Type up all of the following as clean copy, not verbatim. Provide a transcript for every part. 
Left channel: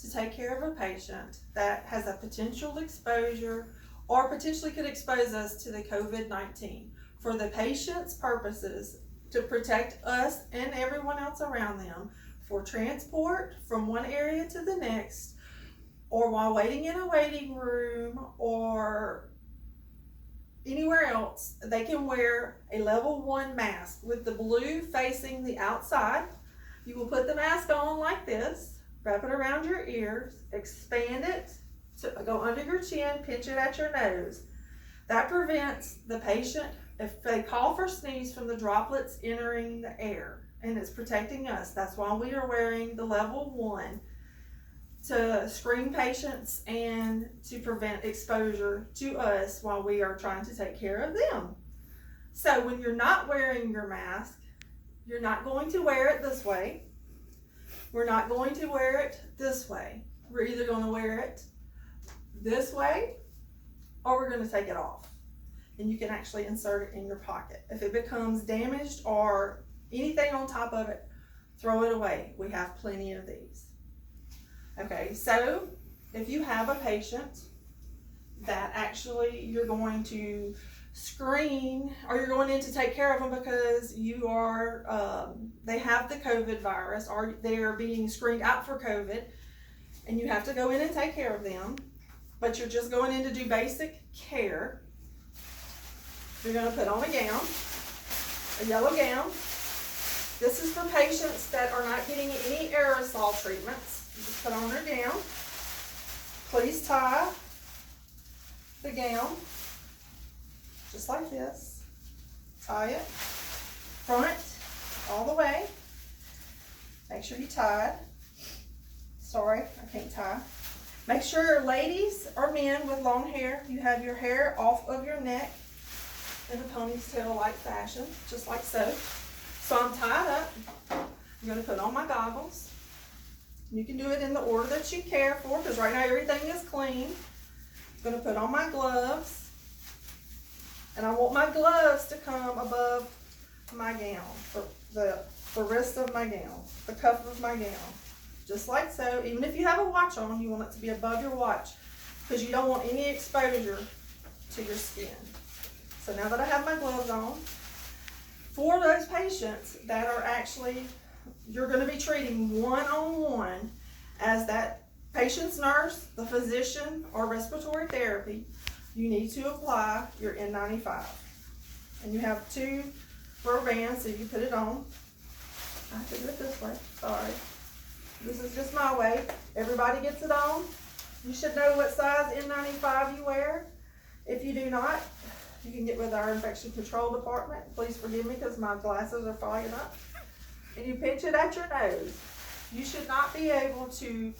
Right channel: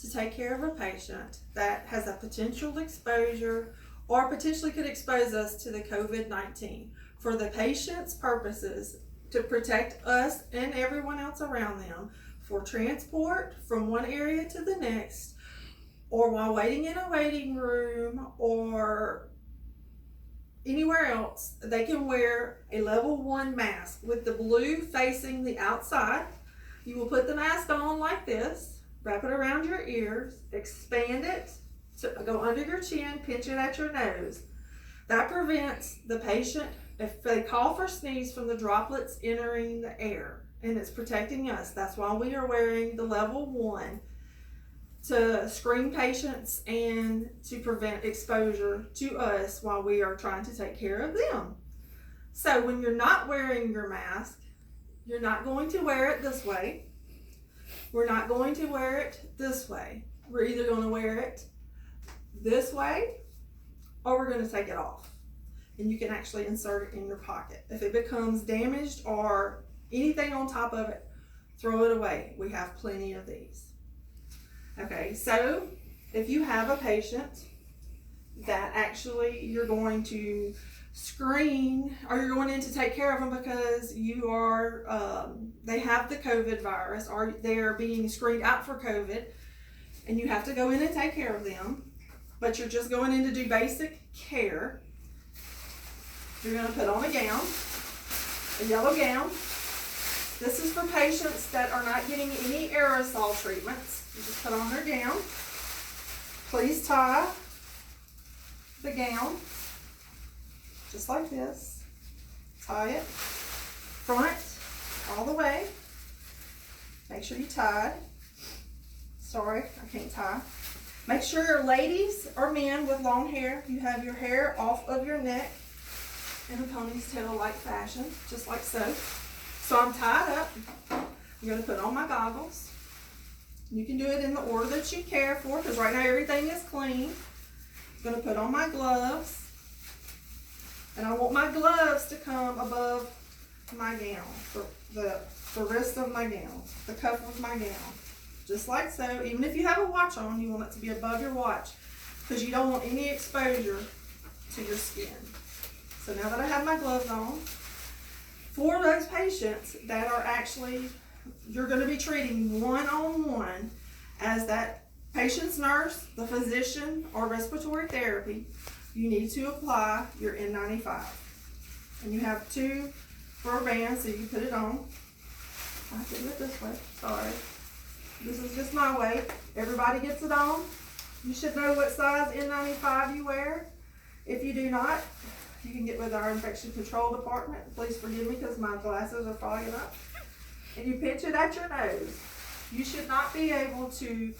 to take care of a patient that has a potential exposure or potentially could expose us to the COVID-19 for the patient's purposes to protect us and everyone else around them for transport from one area to the next, or while waiting in a waiting room or anywhere else. They can wear a level 1 mask with the blue facing the outside. You will put the mask on like this, wrap it around your ears, expand it to go under your chin, pinch it at your nose. That prevents the patient, if they cough or sneeze, from the droplets entering the air, and it's protecting us. That's why we are wearing the level 1, to screen patients and to prevent exposure to us while we are trying to take care of them. So when you're not wearing your mask, you're not going to wear it this way. We're not going to wear it this way. We're either going to wear it this way or we're going to take it off. And you can actually insert it in your pocket. If it becomes damaged or anything on top of it, throw it away. We have plenty of these. Okay, so if you have a patient that actually you're going to screen, or you're going in to take care of them because you are, they have the COVID virus, or they are being screened out for COVID, and you have to go in and take care of them, but you're just going in to do basic care, you're going to put on a gown, a yellow gown. This is for patients that are not getting any aerosol treatments. You just put on their gown. Please tie the gown just like this. Tie it front all the way. Make sure you tie it. Sorry, I can't tie. Make sure, ladies or men with long hair, you have your hair off of your neck in a ponytail-like fashion, just like so. So I'm tied up. I'm going to put on my goggles. You can do it in the order that you care for, because right now everything is clean. I'm going to put on my gloves. And I want my gloves to come above my gown, the wrist of my gown, the cuff of my gown. Just like so. Even if you have a watch on, you want it to be above your watch, because you don't want any exposure to your skin. So now that I have my gloves on, for those patients that are actually, you're going to be treating one-on-one as that patient's nurse, the physician, or respiratory therapy, you need to apply your N95. And you have 2 rubber bands, so you put it on. I have to do it this way, sorry. This is just my way. Everybody gets it on. You should know what size N95 you wear. If you do not, you can get with our infection control department. Please forgive me because my glasses are fogging up. And you pinch it at your nose. You should not be able to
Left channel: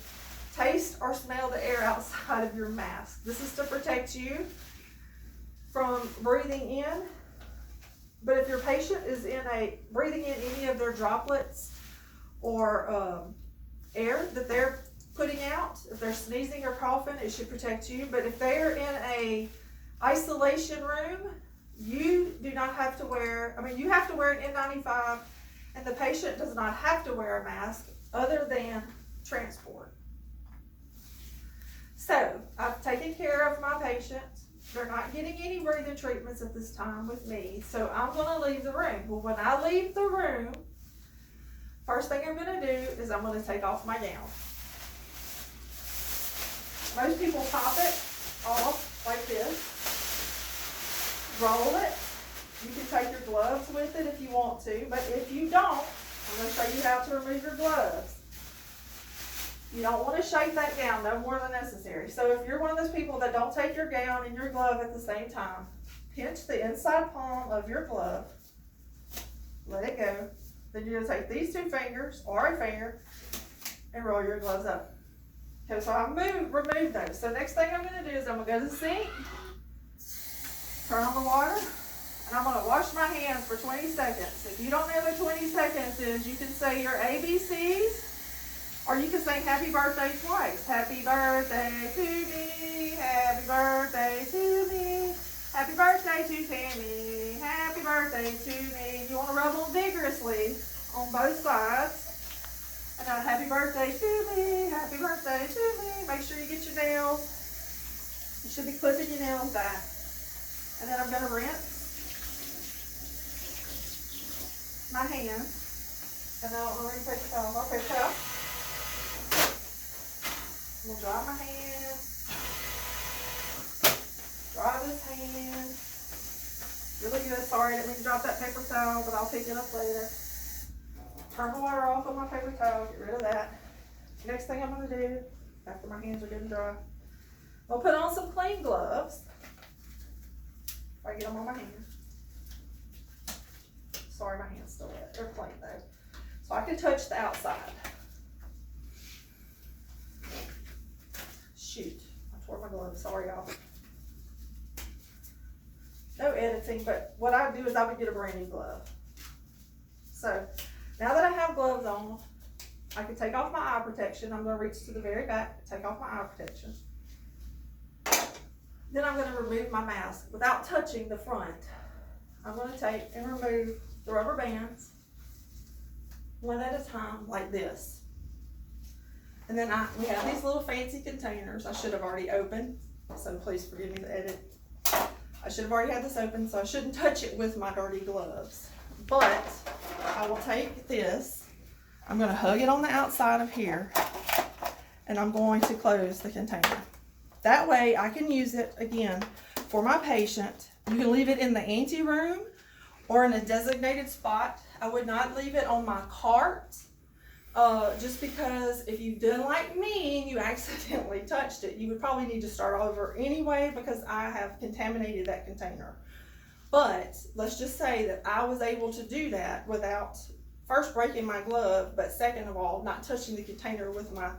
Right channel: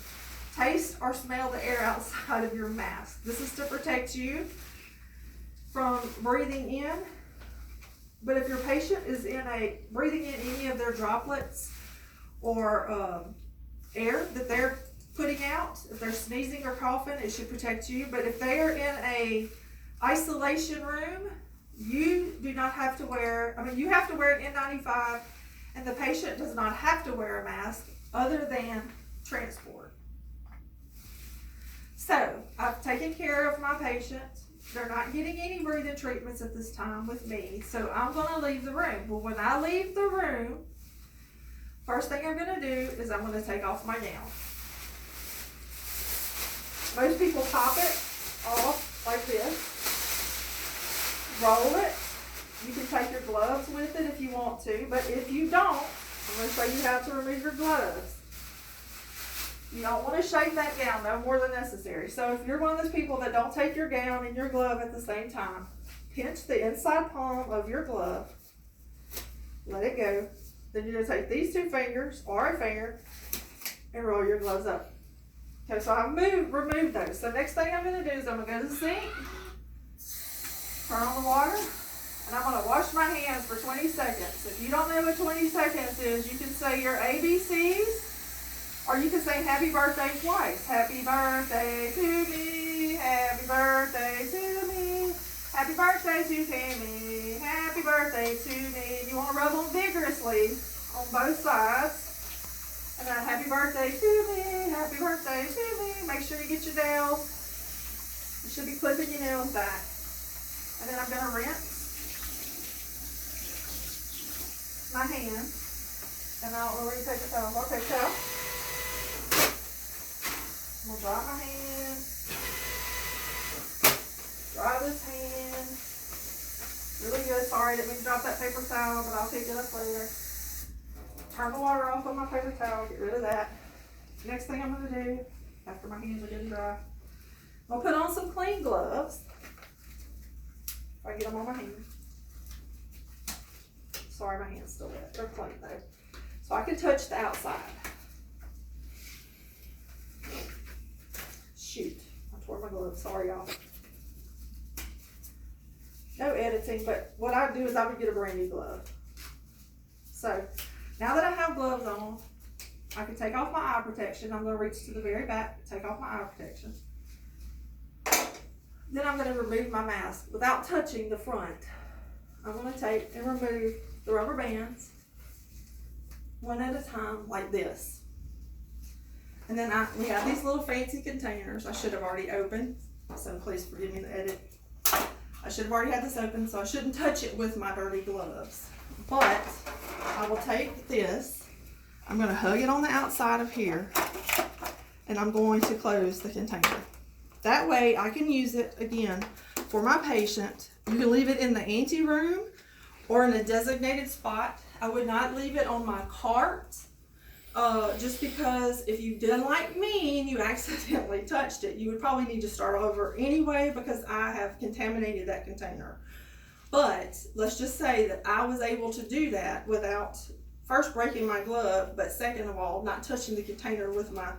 taste or smell the air outside of your mask. This is to protect you from breathing in. But if your patient is breathing in any of their droplets or air that they're putting out, if they're sneezing or coughing, it should protect you. But if they're in a isolation room, you do not have to wear, you have to wear an N95, and the patient does not have to wear a mask other than transport. So, I've taken care of my patient. They're not getting any breathing treatments at this time with me, so I'm going to leave the room. Well, when I leave the room, first thing I'm going to do is I'm going to take off my gown. Most people pop it off like this. Roll it. You can take your gloves with it if you want to, but if you don't, I'm going to show you how to remove your gloves. You don't want to shake that gown no more than necessary. So if you're one of those people that don't take your gown and your glove at the same time, pinch the inside palm of your glove, let it go. Then you're going to take these 2 fingers or a finger and roll your gloves up. Okay, so I've removed those. So next thing I'm going to do is I'm going to go to the sink, turn on the water, and I'm going to wash my hands for 20 seconds. If you don't know what 20 seconds is, you can say your ABCs, or you can say happy birthday twice. Happy birthday to me, happy birthday to me, happy birthday to Tammy, happy birthday to me. You want to rub them vigorously on both sides. And then happy birthday to me, happy birthday birthday to me. Make sure you get your nails. You should be clipping your nails back. And then I'm gonna rinse my hands. And I'll already take a towel. Okay, towel. I'm gonna dry my hands. Dry this hand. Really good. Sorry, I didn't mean to drop that paper towel, but I'll pick it up later. Turn the water off on my paper towel. Get rid of that. Next thing I'm gonna do, after my hands are good and dry, I'll put on some clean gloves. If I get them on my hands. Sorry, my hand's still wet. They're clean though. So I can touch the outside. Shoot, I tore my glove. Sorry, y'all. No editing, but what I do is I would get a brand new glove. So now that I have gloves on, I can take off my eye protection. I'm going to reach to the very back, take off my eye protection. Then I'm going to remove my mask without touching the front. I'm going to take and remove the rubber bands one at a time like this. And then we have these little fancy containers I should have already opened, so please forgive me the edit. I should have already had this open, so I shouldn't touch it with my dirty gloves. But I will take this, I'm going to hug it on the outside of here, and I'm going to close the container. That way I can use it again for my patient. You can leave it in the ante room or in a designated spot. I would not leave it on my cart, just because if you've done like me and you accidentally touched it, you would probably need to start over anyway because I have contaminated that container. But let's just say that I was able to do that without first breaking my glove, but second of all, not touching the container with my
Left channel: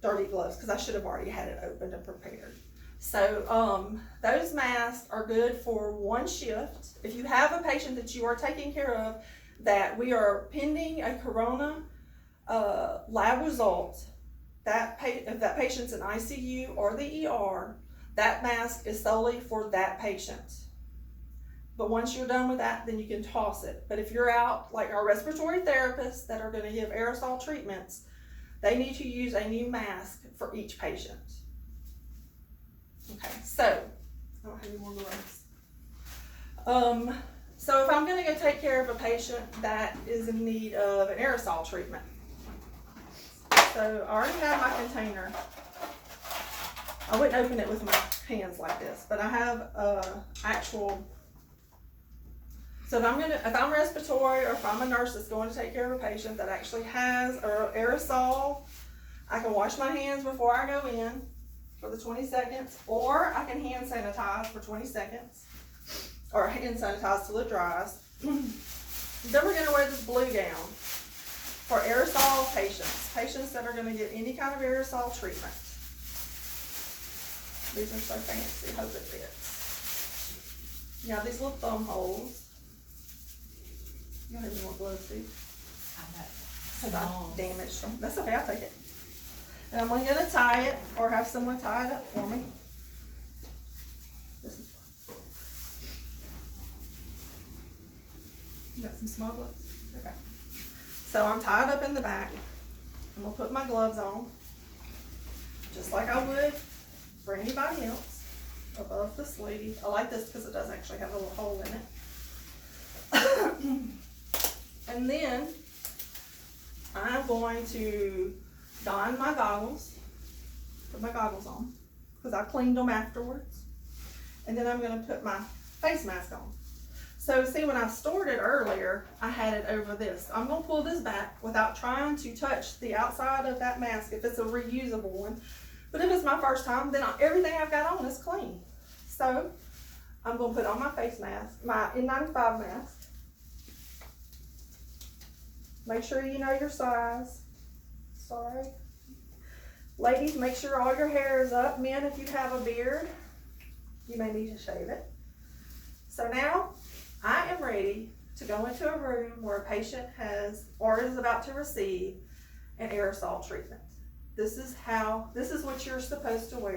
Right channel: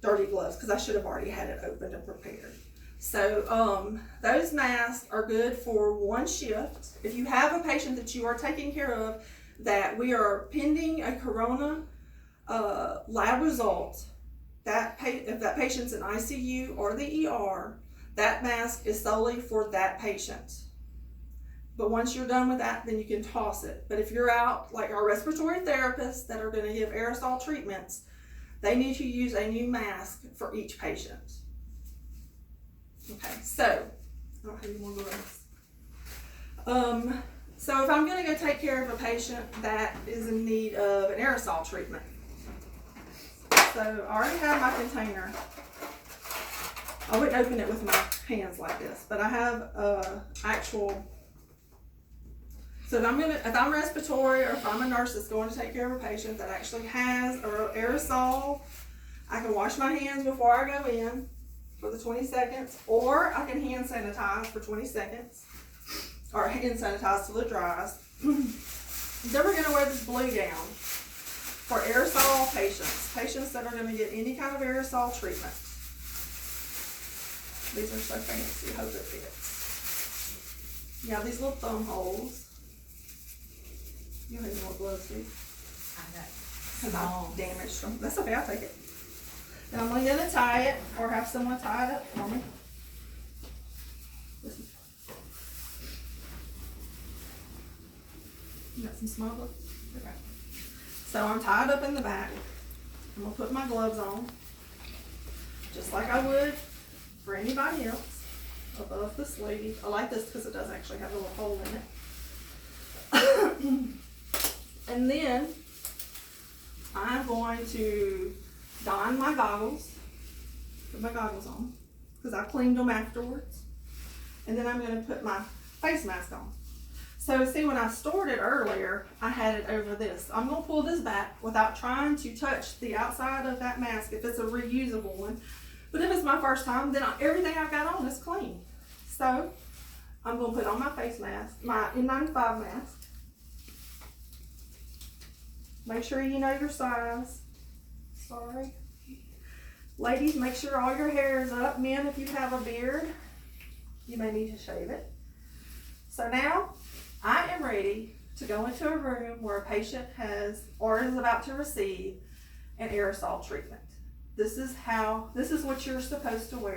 dirty gloves because I should have already had it opened and prepared. So those masks are good for one shift. If you have a patient that you are taking care of that we are pending a corona lab result, if that patient's in ICU or the ER, that mask is solely for that patient. But once you're done with that, then you can toss it. But if you're out, like our respiratory therapists that are going to give aerosol treatments, they need to use a new mask for each patient. Okay, so I don't have any more gloves. So if I'm going to go take care of a patient that is in need of an aerosol treatment, so I already have my container. I wouldn't open it with my hands like this, but I have actual. So if I'm respiratory or if I'm a nurse that's going to take care of a patient that actually has an aerosol, I can wash my hands before I go in for the 20 seconds, or I can hand sanitize for 20 seconds, or hand sanitize till it dries. Then we're going to wear this blue gown for aerosol patients that are going to get any kind of aerosol treatment. These are so fancy, I hope it fits. You have these little thumb holes. You don't have any more gloves, do you? I know. Damaged from, that's okay, I'll take it. And I'm only going to tie it, or have someone tie it up for me. You got some small gloves? Okay. So I'm tied up in the back. I'm going to put my gloves on, just like I would for anybody else, above the sleeve. I like this because it does actually have a little hole in it. And then I'm going to don my goggles, put my goggles on, because I cleaned them afterwards. And then I'm going to put my face mask on. So see, when I stored it earlier, I had it over this. I'm going to pull this back without trying to touch the outside of that mask if it's a reusable one. But if it's my first time, then everything I've got on is clean. So I'm going to put on my face mask, my N95 mask. Make sure you know your size. Sorry. Ladies, make sure all your hair is up. Men, if you have a beard, you may need to shave it. So now I am ready to go into a room where a patient has or is about to receive an aerosol treatment. This is what you're supposed to wear.